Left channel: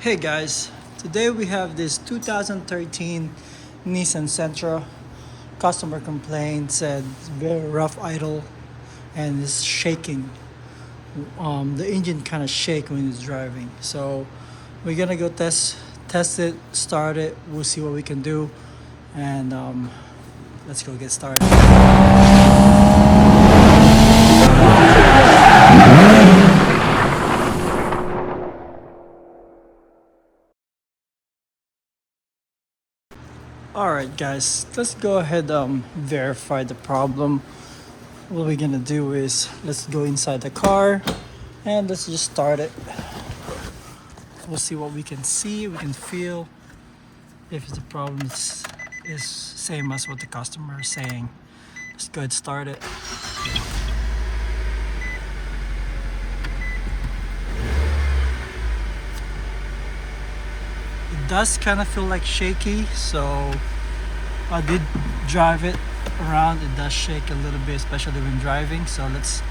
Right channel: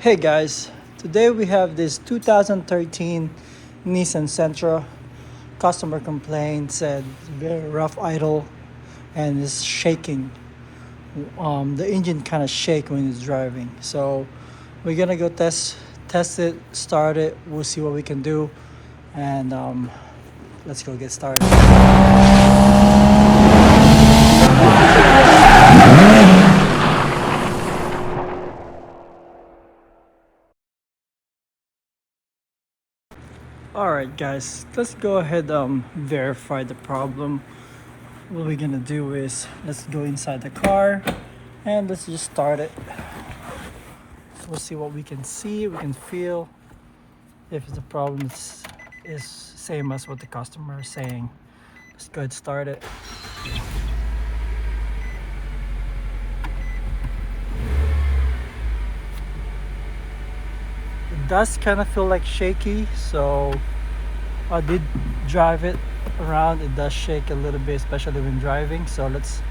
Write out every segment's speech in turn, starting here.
Hey guys, today we have this 2013 Nissan Sentra. Customer complaint said it's very rough idle and is shaking. The engine kind of shake when it's driving. So we're gonna go test it, start it. We'll see what we can do, and let's go get started. All right, guys, let's go ahead verify the problem. What we're gonna do is let's go inside the car and let's just start it. We'll see what we can see, we can feel. If the problem is same as what the customer is saying. Let's go ahead and start it. It does kind of feel like shaky, so I did drive it around. It does shake a little bit, especially when driving. So let's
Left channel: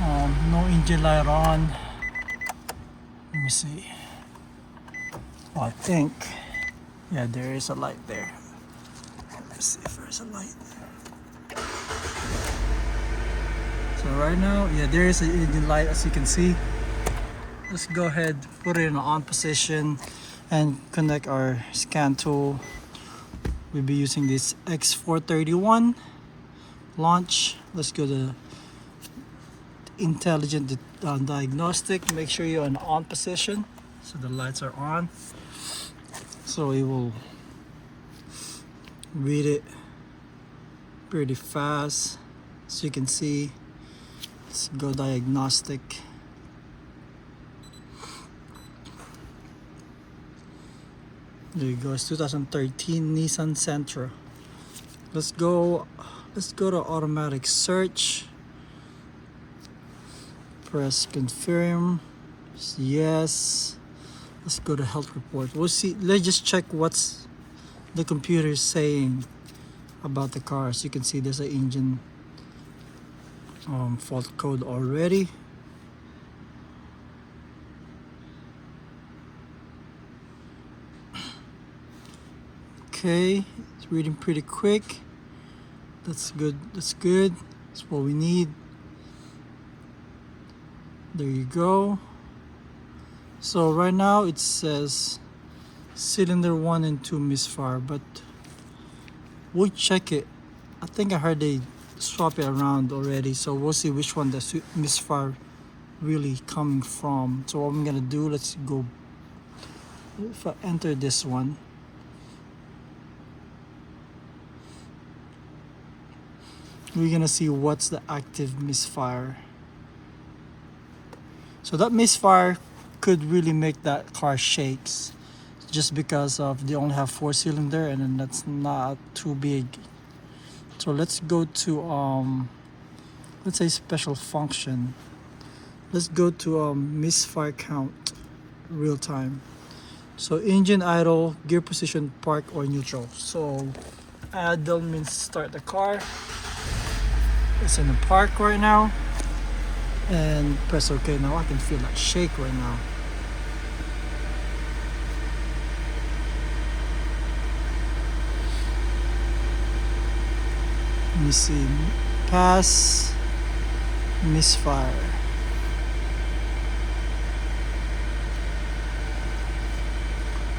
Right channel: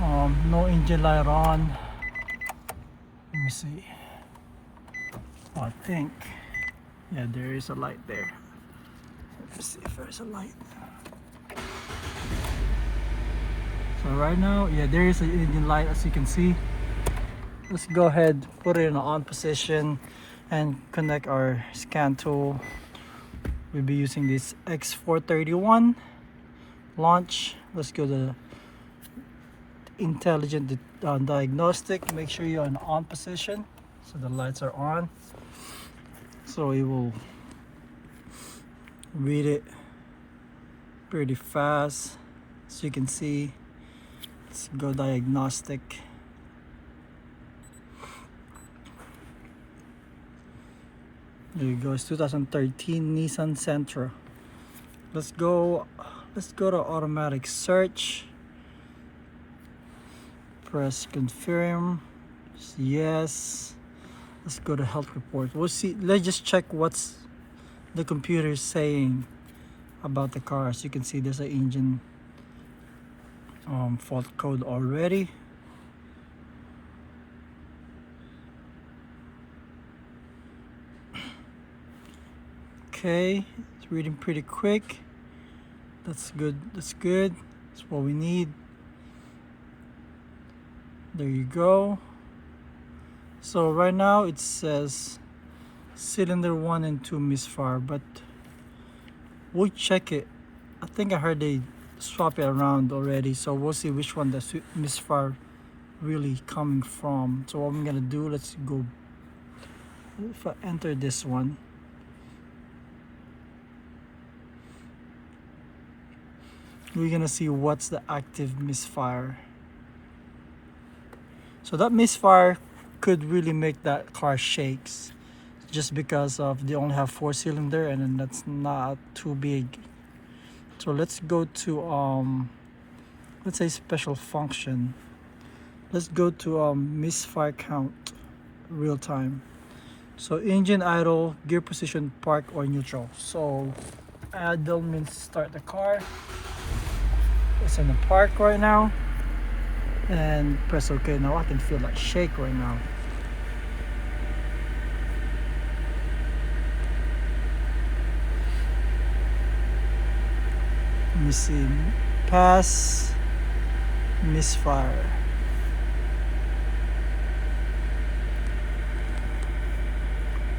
no engine light on. Let me see. I think, yeah, there is a light there. Let's see if there's a light. So right now, yeah, there is an engine light, as you can see. Let's go ahead, put it in an on position and connect our scan tool. We'll be using this X431 launch. Let's go to intelligent diagnostic. Make sure you're in on position so the lights are on, so it will read it pretty fast, as you can see. Let's go diagnostic. There you go. It's 2013 Nissan Sentra. Let's go to automatic search. Press confirm. Yes. Let's go to health report. We'll see. Let's just check what's the computer is saying about the car. As you can see, there's an engine fault code already. Okay, it's reading pretty quick. That's good. That's good. That's what we need. There you go. So right now it says cylinder 1 and 2 misfire, but we'll check it. I think I heard they swap it around already, so we'll see which one the misfire really coming from. So what I'm gonna do, let's go. If I enter this one, we're gonna see what's the active misfire. So that misfire could really make that car shakes, just because of they only have 4-cylinder, and then that's not too big. So let's go to let's say special function. Let's go to misfire count, real time. So engine idle, gear position, park or neutral. So idle means start the car. It's in the park right now, and press OK. Now I can feel that shake right now. Let me see. Pass, misfire.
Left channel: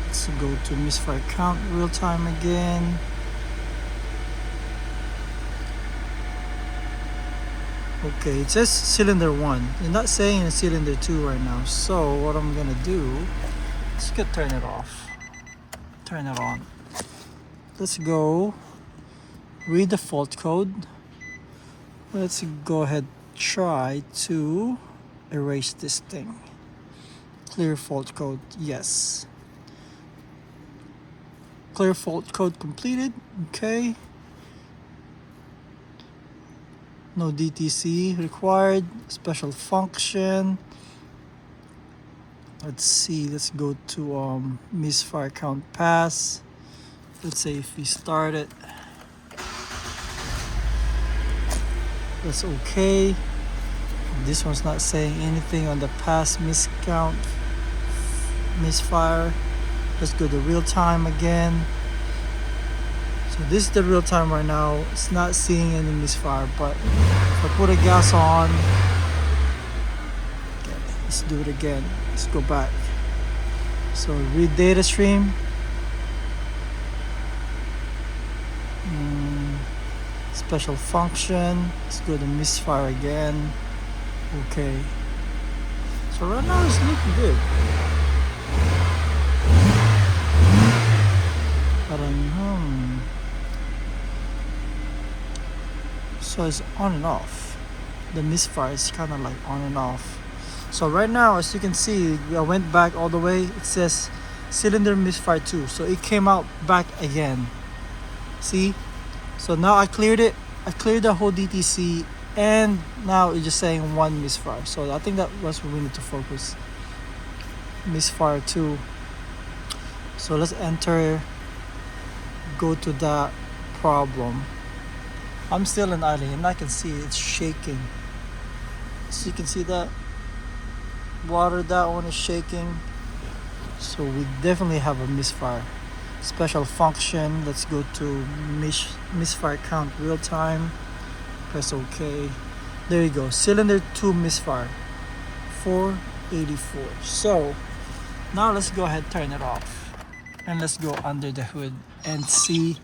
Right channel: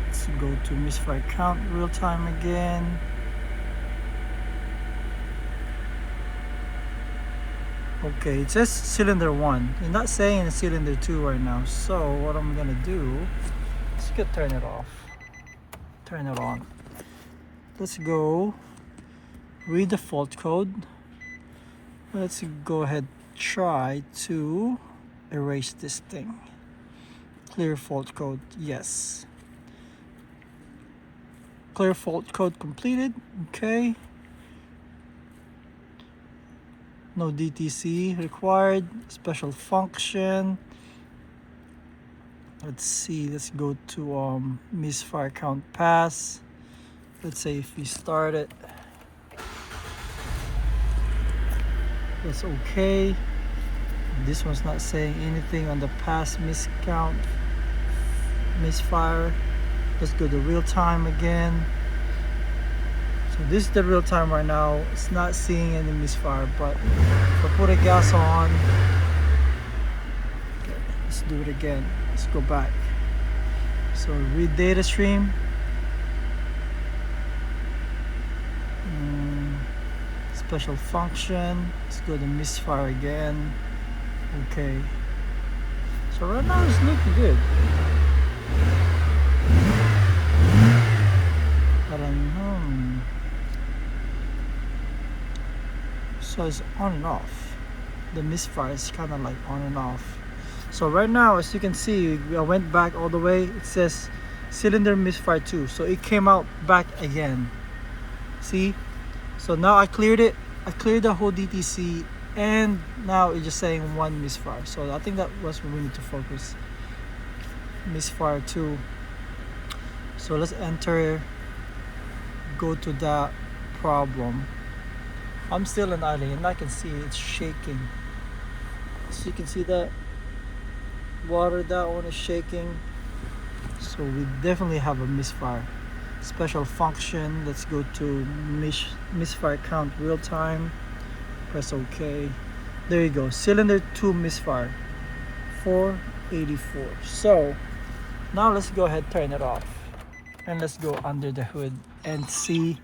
Let's go to misfire count, real time again. Okay, it says cylinder 1. You're not saying it's cylinder 2 right now. So what I'm gonna do, let's go turn it off. Turn it on. Let's go read the fault code. Let's go ahead, try to erase this thing. Clear fault code, yes. Clear fault code completed. Okay. No DTC required. Special function. Let's see. Let's go to misfire count pass. Let's say if we start it, that's okay. This one's not saying anything on the pass miscount misfire. Let's go to real time again. So this is the real time right now. It's not seeing any misfire, but if I put a gas on, okay, let's do it again. Let's go back. So read data stream. Special function. Let's go to misfire again. Okay. So right now it's looking good. I don't know. So it's on and off. The misfire is kind of like on and off. So right now, as you can see, I went back all the way. It says cylinder misfire 2. So it came out back again. See? So now I cleared it. I cleared the whole DTC, and now it's just saying 1 misfire. So I think that was what we need to focus. Misfire 2. So let's enter, go to that problem. I'm still in idling, and I can see it's shaking. So you can see that water, that one is shaking. So we definitely have a misfire. Special function, let's go to misfire count real time. Press OK. There you go. Cylinder 2 misfire 484. So now let's go ahead, turn it off, and let's go under the hood and see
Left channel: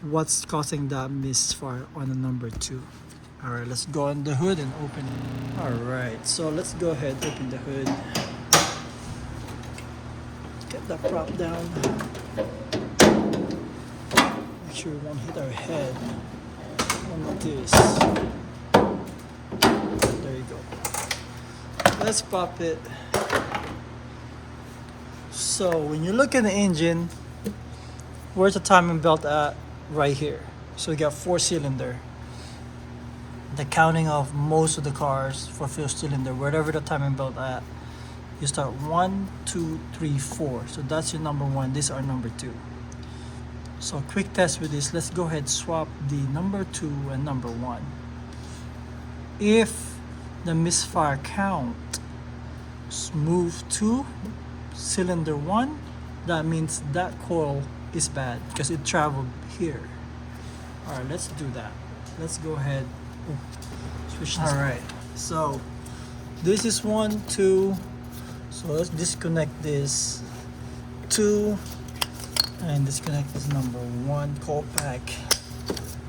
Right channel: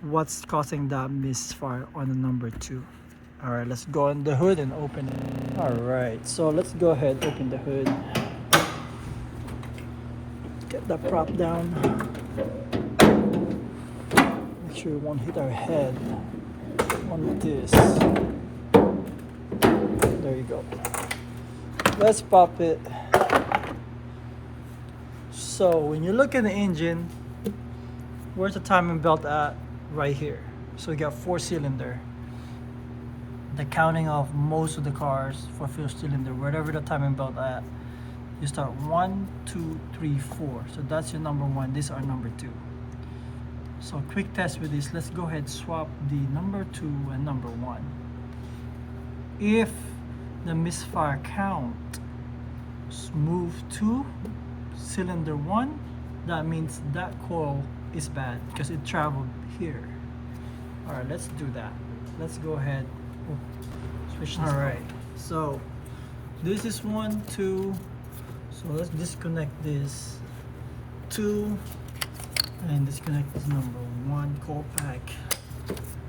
what's causing that misfire on the number 2. All right, let's go on the hood and open it. All right, so let's go ahead, open the hood, get the prop down, make sure we won't hit our head on this. There you go. Let's pop it. So when you look at the engine, where's the timing belt at? Right here. So we got 4-cylinder. The counting of most of the cars for 4-cylinder, wherever the timing belt at, you start 1, 2, 3, 4. So that's your number 1. These are number 2. So quick test with this. Let's go ahead, swap the number 2 and number 1. If the misfire count move to cylinder 1, that means that coil is bad because it traveled here. All right, let's do that. Let's go ahead. Switch this. All right, so this is 1, 2. So let's disconnect this 2 and disconnect this number 1 coil pack.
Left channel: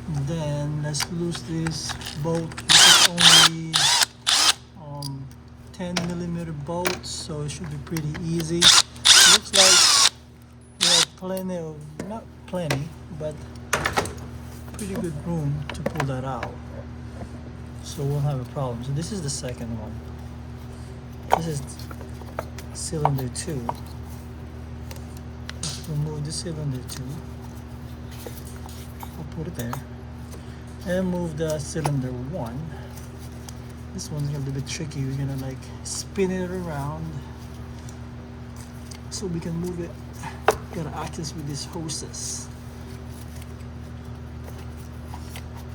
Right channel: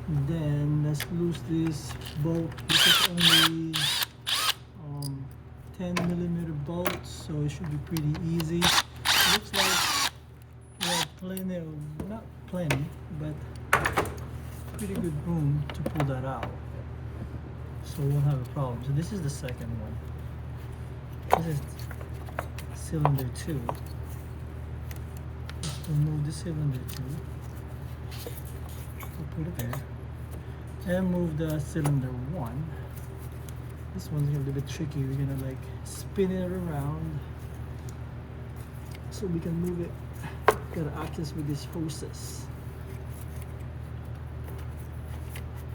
And then let's lose this bolt. This is only 10mm bolt, so it should be pretty easy. Looks like we have plenty of, not plenty, but pretty good room to pull that out, so we won't have a problem. So this is the second one. This is cylinder 2. Let's remove the cylinder 2. I'll put it there and move the cylinder 1. This one's a little bit tricky. We're gonna like spin it around so we can move it. Gotta access with these hoses.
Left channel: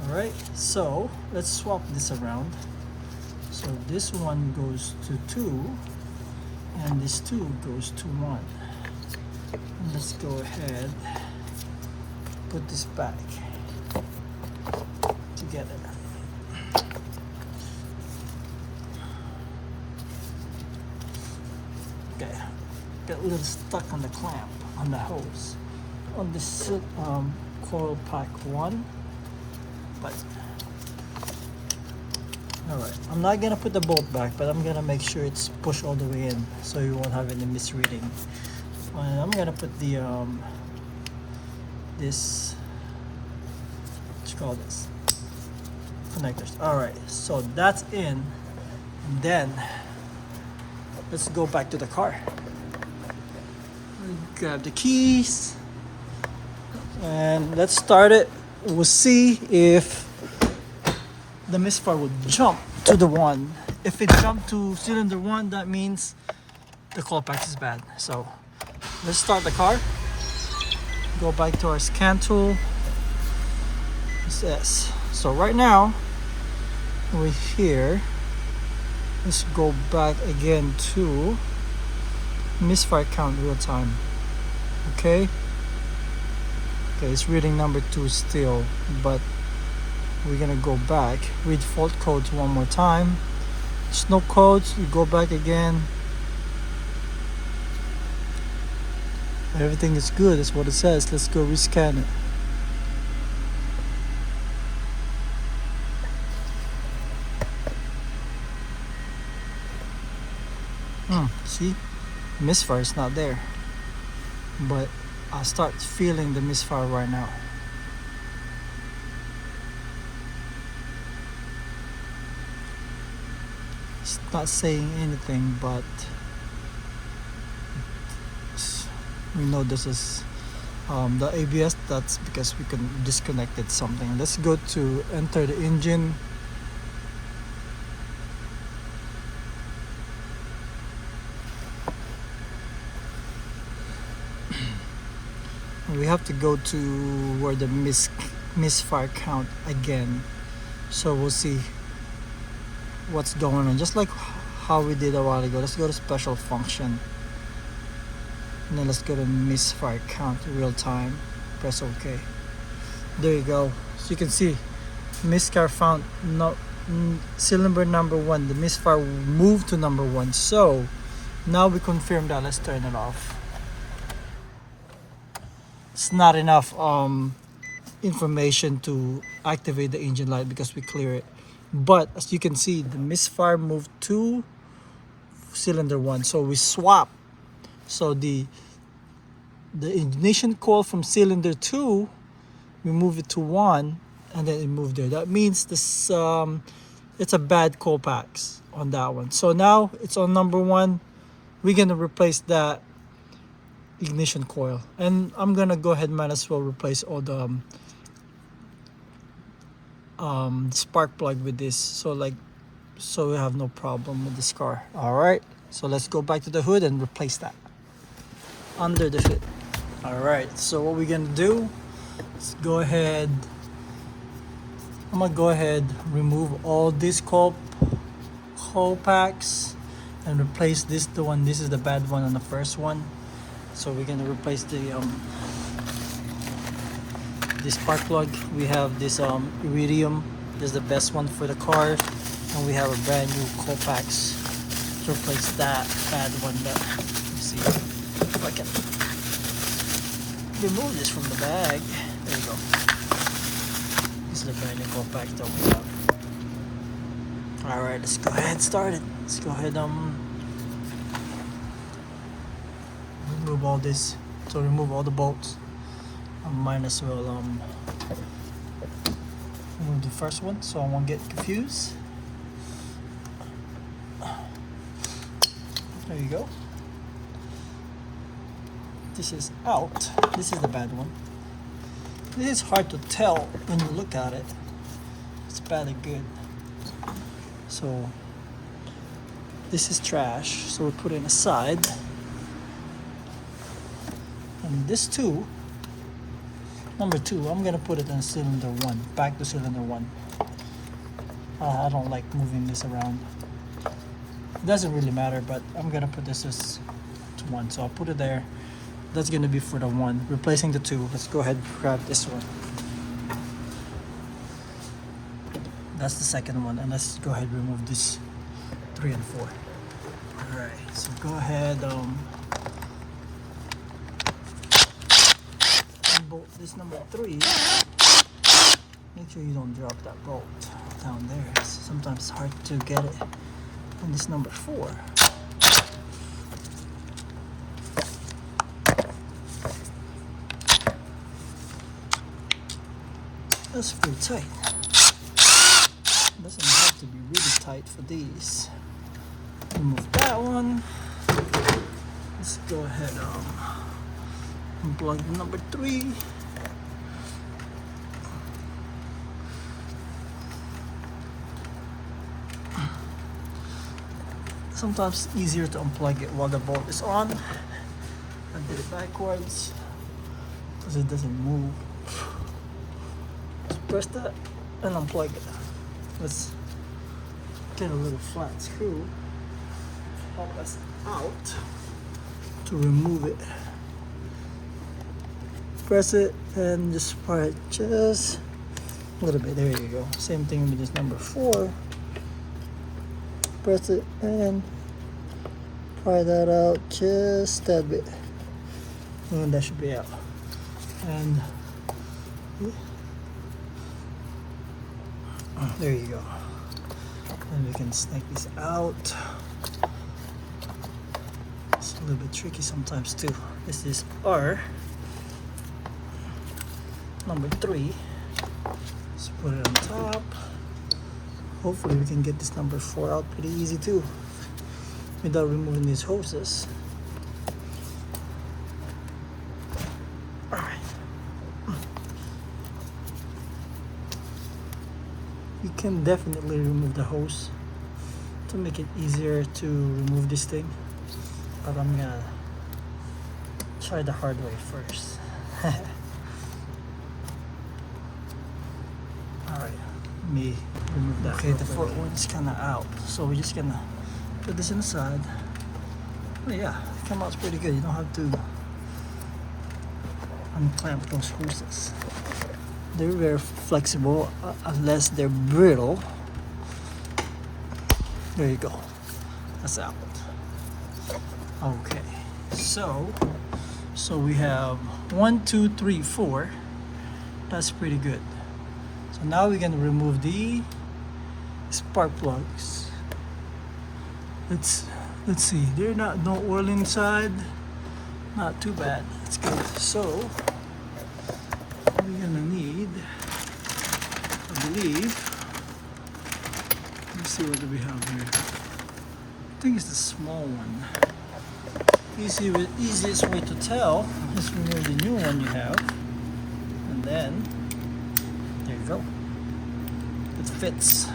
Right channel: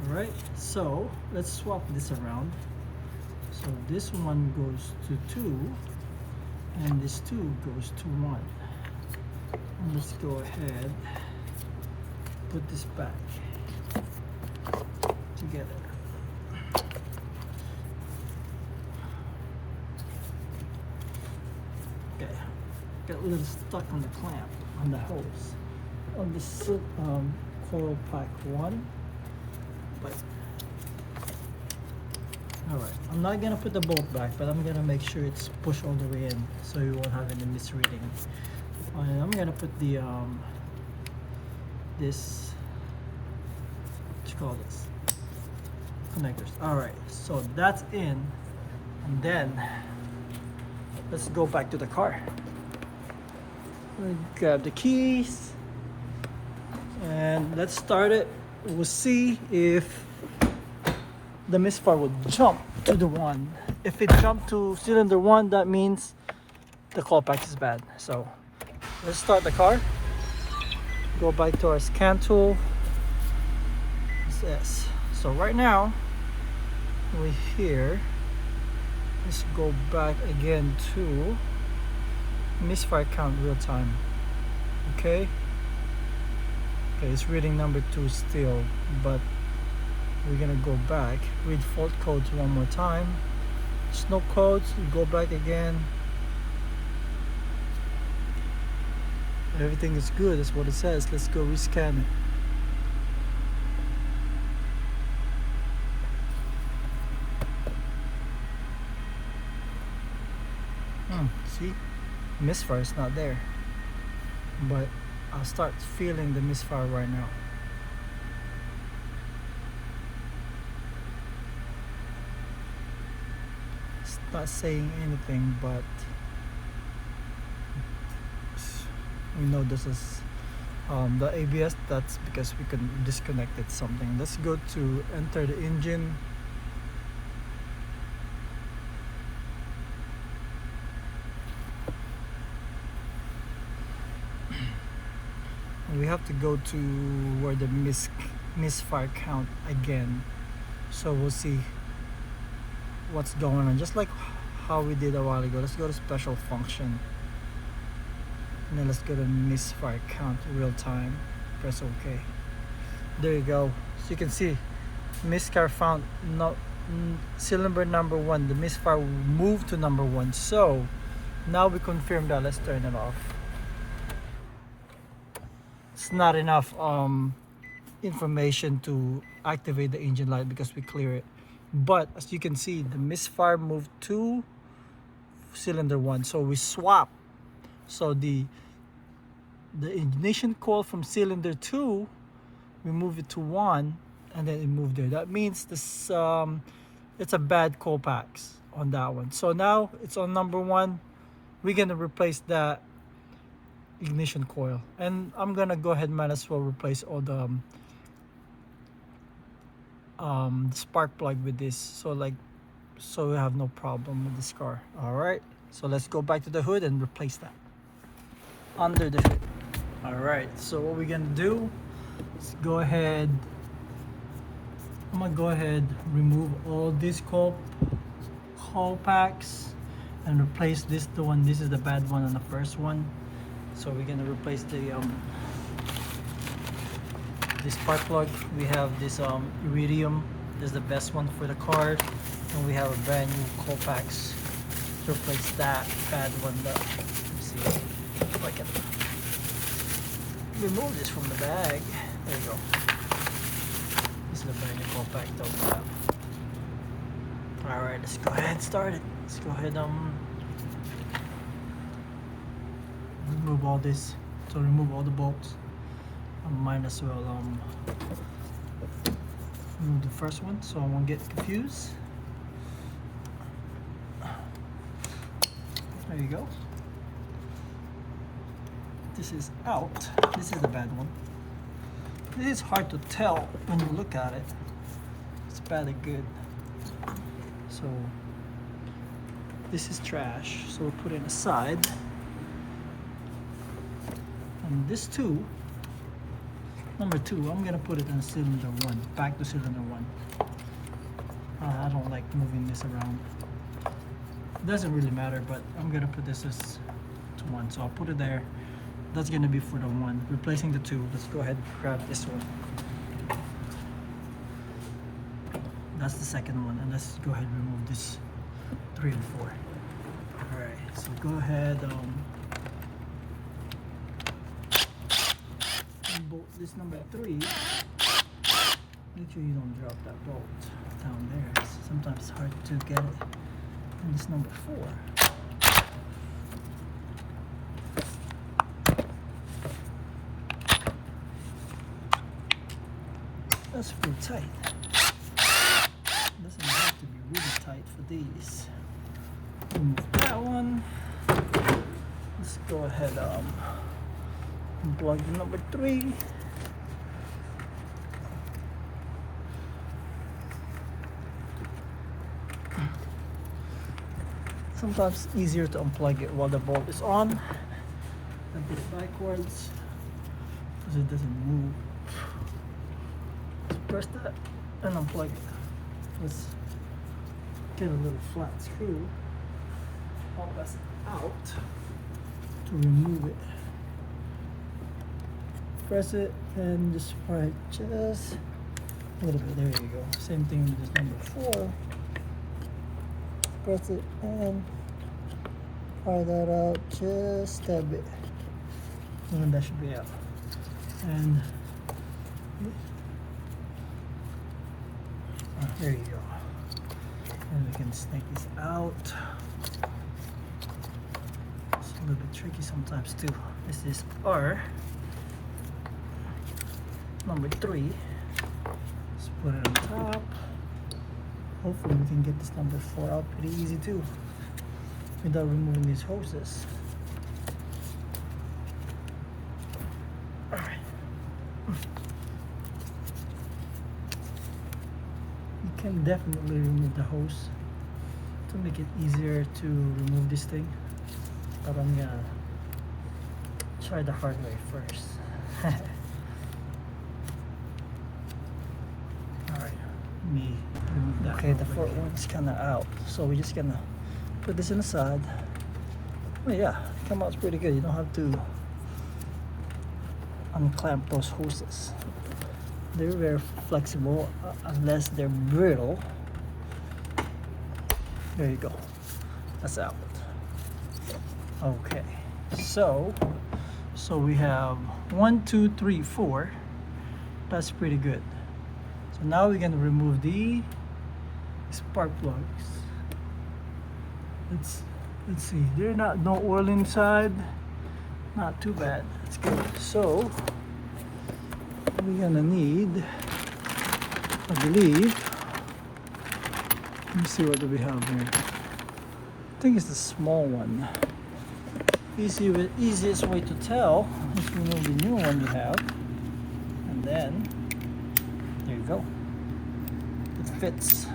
Alright, so let's swap this around. So this one goes to 2 and this 2 goes to 1. And let's go ahead, put this back together. Okay, got a little stuck on the clamp, on the hose, on this coil pack 1. But alright, I'm not gonna put the bolt back, but I'm gonna make sure it's pushed all the way in so you won't have any misreading. And I'm gonna put the this, what you call this, connectors. Alright, so that's in, and then let's go back to the car. Grab the keys and let's start it. We'll see if the misfire will jump to the 1. If it jumped to cylinder 1, that means the coil pack is bad. So let's start the car. Go back to our scan tool. Yes. So right now we're here. Let's go back again to misfire count real time. Okay, it's reading number 2 still, but we're gonna go back, read fault codes one more time. There's no codes, you go back again. Everything is good, that's what it says. Let's go rescan it. See, misfire is not there, but I'll start feeling the misfire right now. It's not saying anything, but we know this is the ABS. That's because we can disconnected something. Let's go to enter the engine. We have to go to where the misfire count again, so we'll see what's going on, just like how we did a while ago. Let's go to special function, and then let's go to misfire count real time. Press OK. There you go. So you can see misfire found, no, cylinder number 1, the misfire moved to number 1. So now we confirm that. Let's turn it off. It's not enough information to activate the engine light because we clear it, but as you can see, the misfire moved to cylinder 1, so we swap. So the ignition coil from cylinder 2, we move it to 1, and then it moved there. That means this it's a bad coil packs on that one. So now it's on number 1. We're gonna replace that ignition coil, and I'm gonna go ahead and might as well replace all the spark plug with this, so we have no problem with this car. All right, so let's go back to the hood and replace that under the hood. All right, so what we're gonna do is go ahead, I'm gonna go ahead, remove all these coil packs and replace this, the one, this is the bad one on the first one. So we're gonna replace the this spark plug. We have this iridium. This is the best one for the car, and we have a brand new coil packs to replace that bad one. But let's see if I can remove this from the bag. There you go. This is the brand new coil pack that we have. All right, let's go ahead and start it. Let's go ahead remove all this. So remove all the bolts. I might as well remove the first one so I won't get confused. There you go. This is out. This is the bad one. This is hard to tell when you look at it. It's bad or good. So this is trash, so we put it aside. And this too, number 2, I'm gonna put it in cylinder 1, back to cylinder 1. I don't like moving this around. It doesn't really matter, but I'm gonna put this as to 1, so I'll put it there. That's gonna be for the 1, replacing the 2. Let's go ahead and grab this one. That's the second one, and let's go ahead and remove this 3 and 4. All right, so go ahead, bolt this number 3. Make sure you don't drop that bolt down there. Sometimes it's hard to get it. And this number 4. That's pretty tight. Doesn't have to be really tight for these. Remove that one. Let's go ahead unplug number 3. Sometimes it's easier to unplug it while the bolt is on. I did it backwards because it doesn't move. Press that and unplug it. Let's get a little flat screw. All that's out. to remove it. Press it and just pry it just a little bit. There you go. Same thing with this number 4. Press it and pry that out just that bit. And that should be out. And there you go. And we can snake this out. It's a little bit tricky sometimes too. This is our number 3. Let's put it on top. Hopefully we can get this number 4 out pretty easy too, without removing these hoses. Alright. You can definitely remove the hose to make it easier to remove this thing, but I'm gonna try the hard way first. Alright, let me remove that. Okay, the front one's kinda out, so we're just gonna put this in the side. Oh yeah, it came out pretty good. You don't have to unclamp those hoses. They're very flexible unless they're brittle. There you go. That's out. Okay, so we have 1, 2, 3, 4. That's pretty good. So now we're gonna remove the spark plugs. Let's see. They're no oil inside. Not too bad. That's good. So we're gonna need, I believe. Let me see what do we have here. I think it's the small one. Easiest way to tell is remove the new one you have, and then there you go. It fits.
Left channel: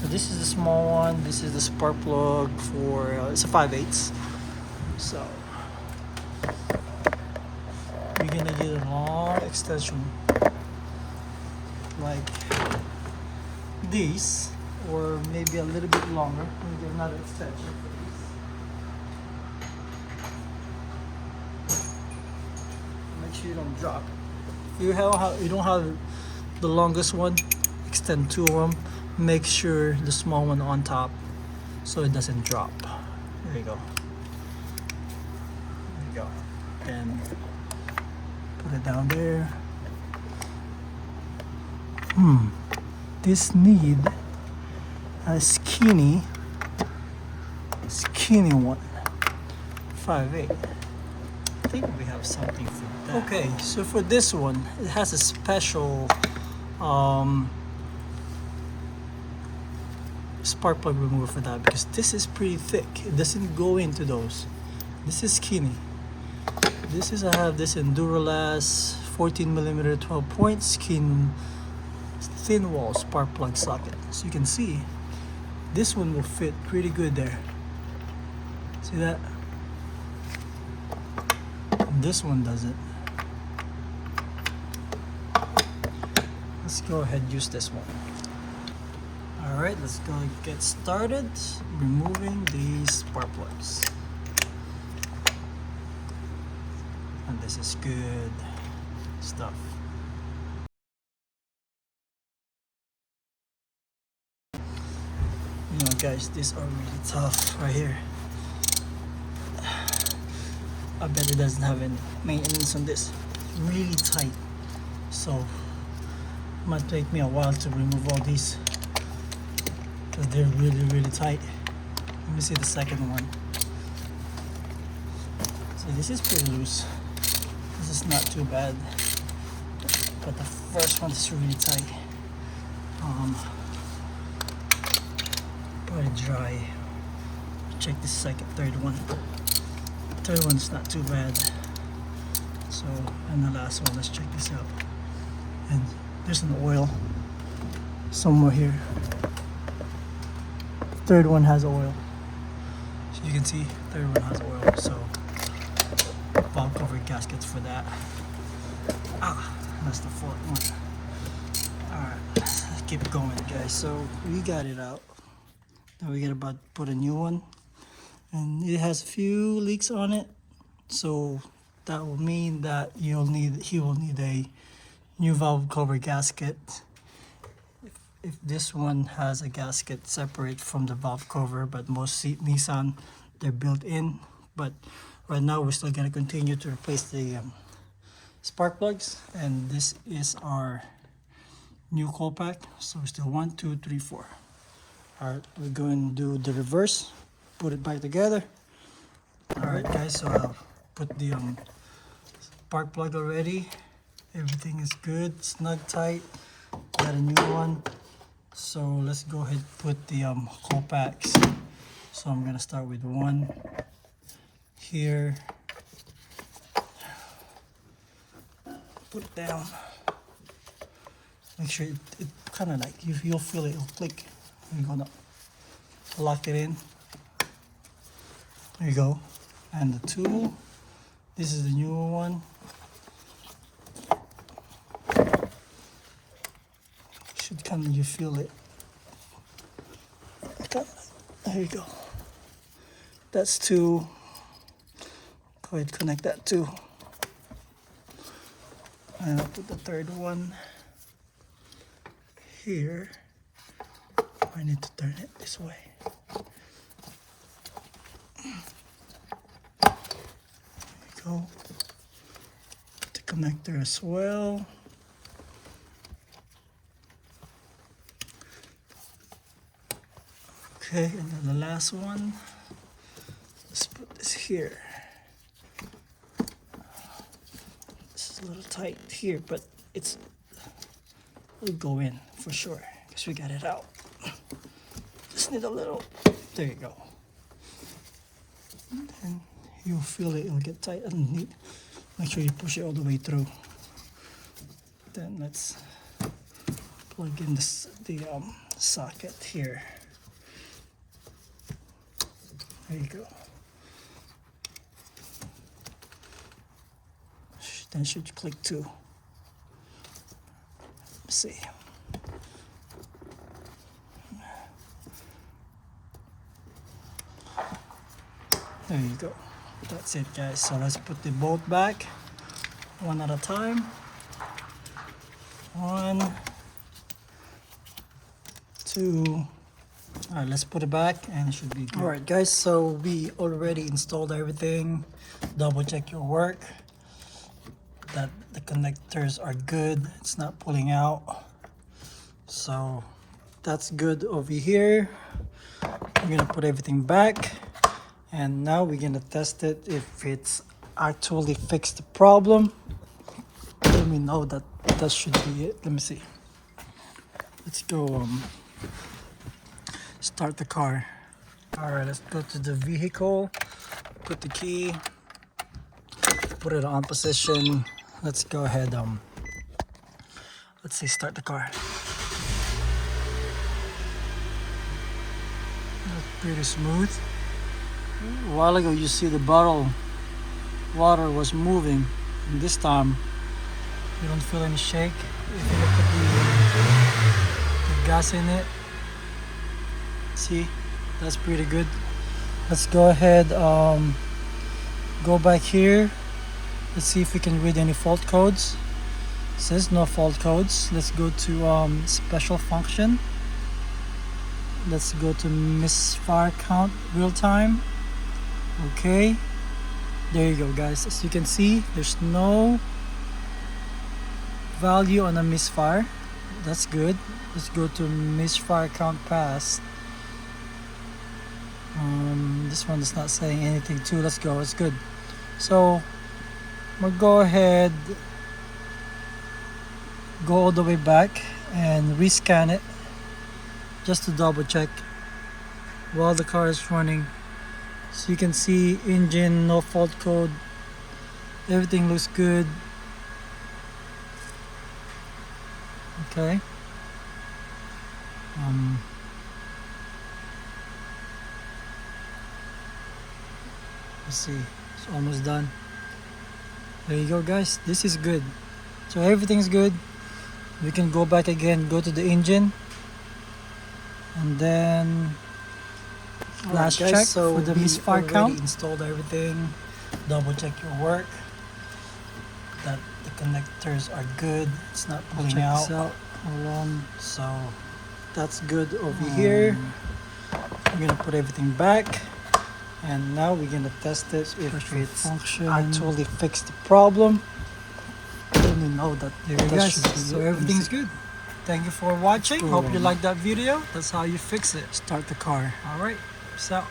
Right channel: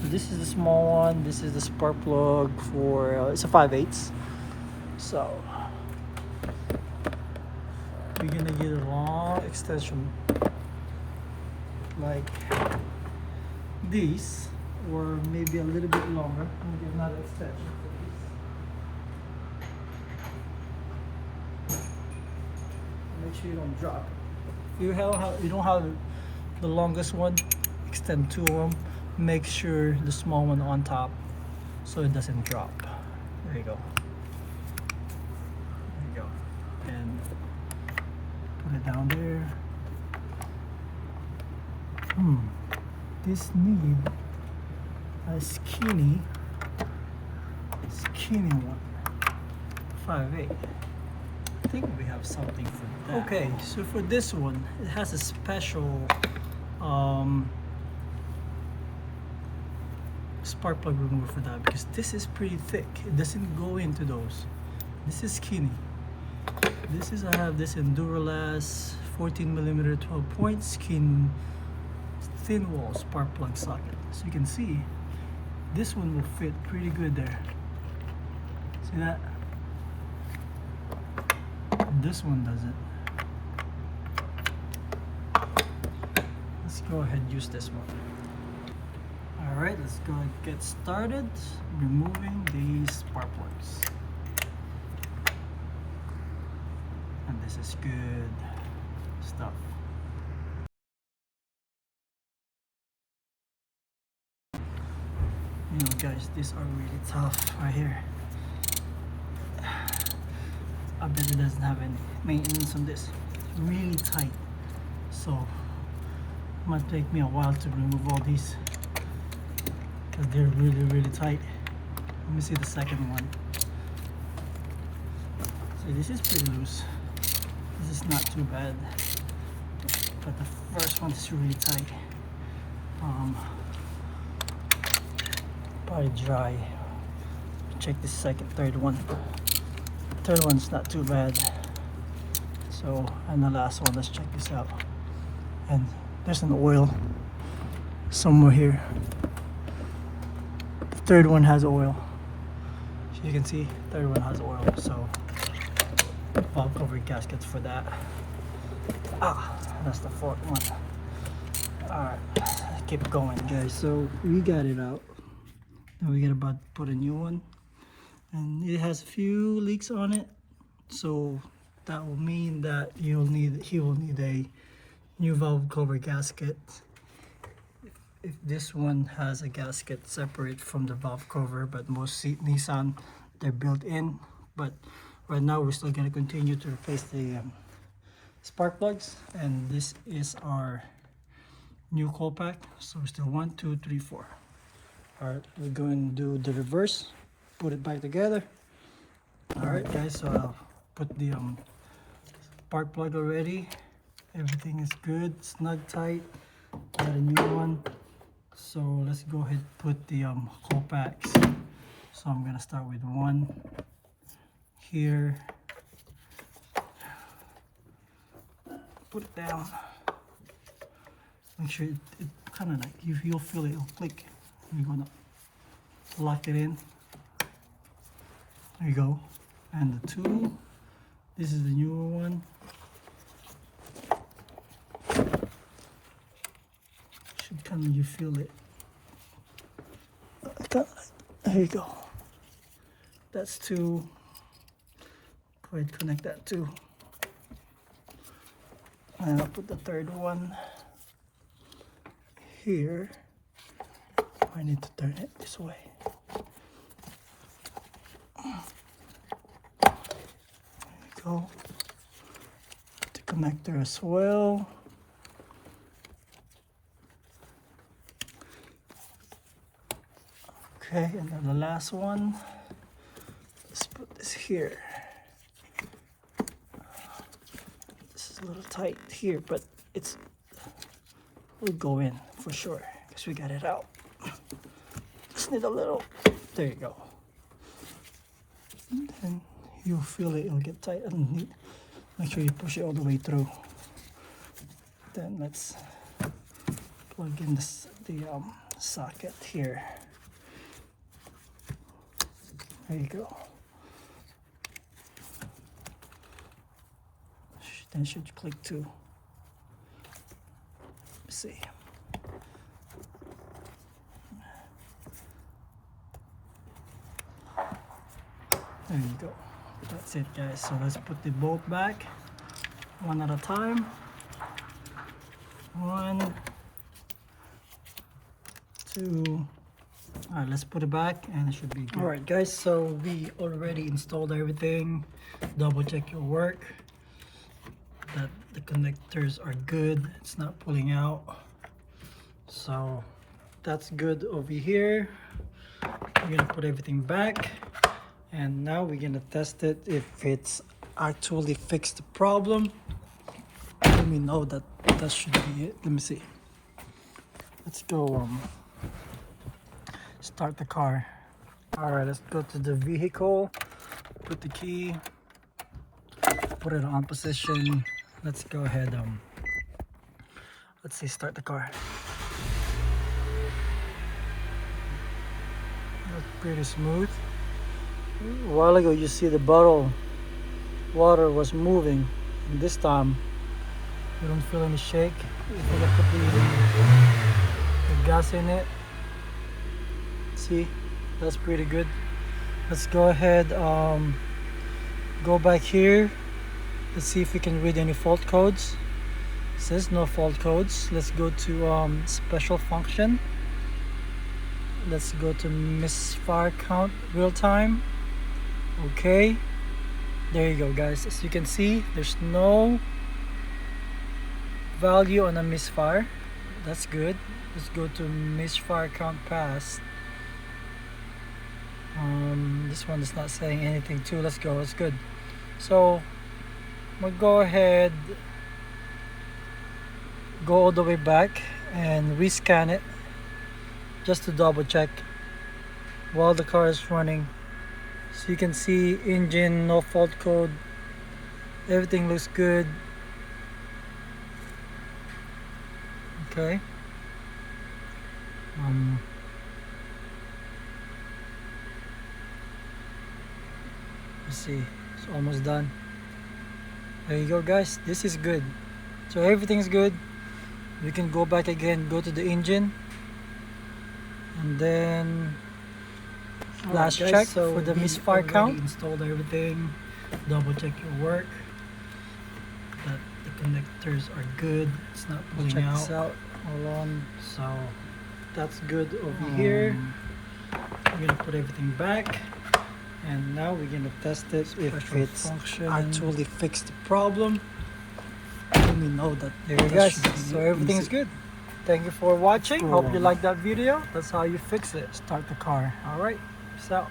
So this is the small one. This is the spark plug for it's a 5/8. So we're gonna get a long extension like these, or maybe a little bit longer. Let me get another extension for these. Make sure you don't drop. If you don't have the longest one, extend 2 of them. Make sure the small one on top so it doesn't drop. There you go. There you go. And put it down there. This need a skinny one. 5/8. I think we have something for that. Okay, so for this one, it has a special spark plug remover for that, because this is pretty thick. It doesn't go into those. This is skinny. I have this in Duralast 14mm 12-point skin thin wall spark plug socket. So you can see this one will fit pretty good there. See that? And this one doesn't. Let's go ahead and use this one. Alright, let's go and get started removing these spark plugs. And this is good stuff. You know guys, these are really tough right here. I bet it doesn't have any maintenance on this. Really tight. So it might take me a while to remove all these, because they're really tight. Let me see the second one. So this is pretty loose. This is not too bad. But the first one is really tight. Probably dry. Check this third one. Third one's not too bad. So, and the last one, let's check this out. And there's an oil somewhere here. Third one has oil. So you can see, third one has oil. So, valve cover gaskets for that. That's the fourth one. Alright, let's keep going, guys. So, we got it out. Now we got about to put a new one. And it has a few leaks on it. So that will mean that he will need a new valve cover gasket. If this one has a gasket separate from the valve cover, but most Nissan, they're built in. But right now we're still going to continue to replace the spark plugs, and this is our new coil pack. So we're still 1, 2, 3, 4. All right, we're going to do the reverse, put it back together. All right guys, so I'll put the spark plug already. Everything is good, snug tight. Got a new one. So let's go ahead and put the coil packs. So I'm gonna start with one here. Put it down. Make sure it kind of like, you'll feel it'll click. You're gonna lock it in. There you go. And the two, this is the newer one. Should kind of, you feel it. Okay. Here you go. That's two. Go ahead and connect that too. And I'll put the third one here. I need to turn it this way. There we go. The connector as well. Okay, and then the last one. Let's put this here. This is a little tight here, but will go in for sure because we got it out. Just need a little. There you go. And you'll feel it. It'll get tight underneath. Make sure you push it all the way through. Then let's plug in the socket here. There you go. Then it should click too. Let's see. There you go. That's it guys. So let's put the bolt back one at a time. 1, 2. All right, let's put it back and it should be good. All right guys, so we already installed everything. Double check your work, that the connectors are good, it's not pulling out. So that's good over here. I'm gonna put everything back, and now we're gonna test it if it's actually fixed the problem. Let me know that should be it. Let me see. Let's go start the car. All right, let's go to the vehicle, put the key, put it on position. Let's go ahead, let's see, start the car. That's pretty smooth. A while ago you see the bottle water was moving, and this time you don't feel any shake. If you put the gas in it, see, that's pretty good. Let's go ahead, go back here. Let's see if we can read any fault codes. It says no fault codes. Let's go to special function. Let's go to misfire count real time. Okay, there you go guys. As you can see, there's no value on a misfire. That's good. Let's go to misfire count passed. This one is not saying anything too. Let's go. It's good. So we'll go ahead, go all the way back and rescan it just to double check while the car is running. So you can see engine, no fault code, everything looks good. Okay. Let's see, it's almost done. There you go guys, this is good. So everything's good. We can go back again, go to the engine, and then flash check for the misfire count. Installed everything. double check your work, that the connectors are good, it's not pulling out. Hold on. So that's good over here. We're gonna put everything back, and now we're gonna test it if it's actually fixed the problem. I only know that. There you guys. So everything's good. Thank you for watching. Hope you liked that video. That's how you fix it. Start the car. All right. Peace out.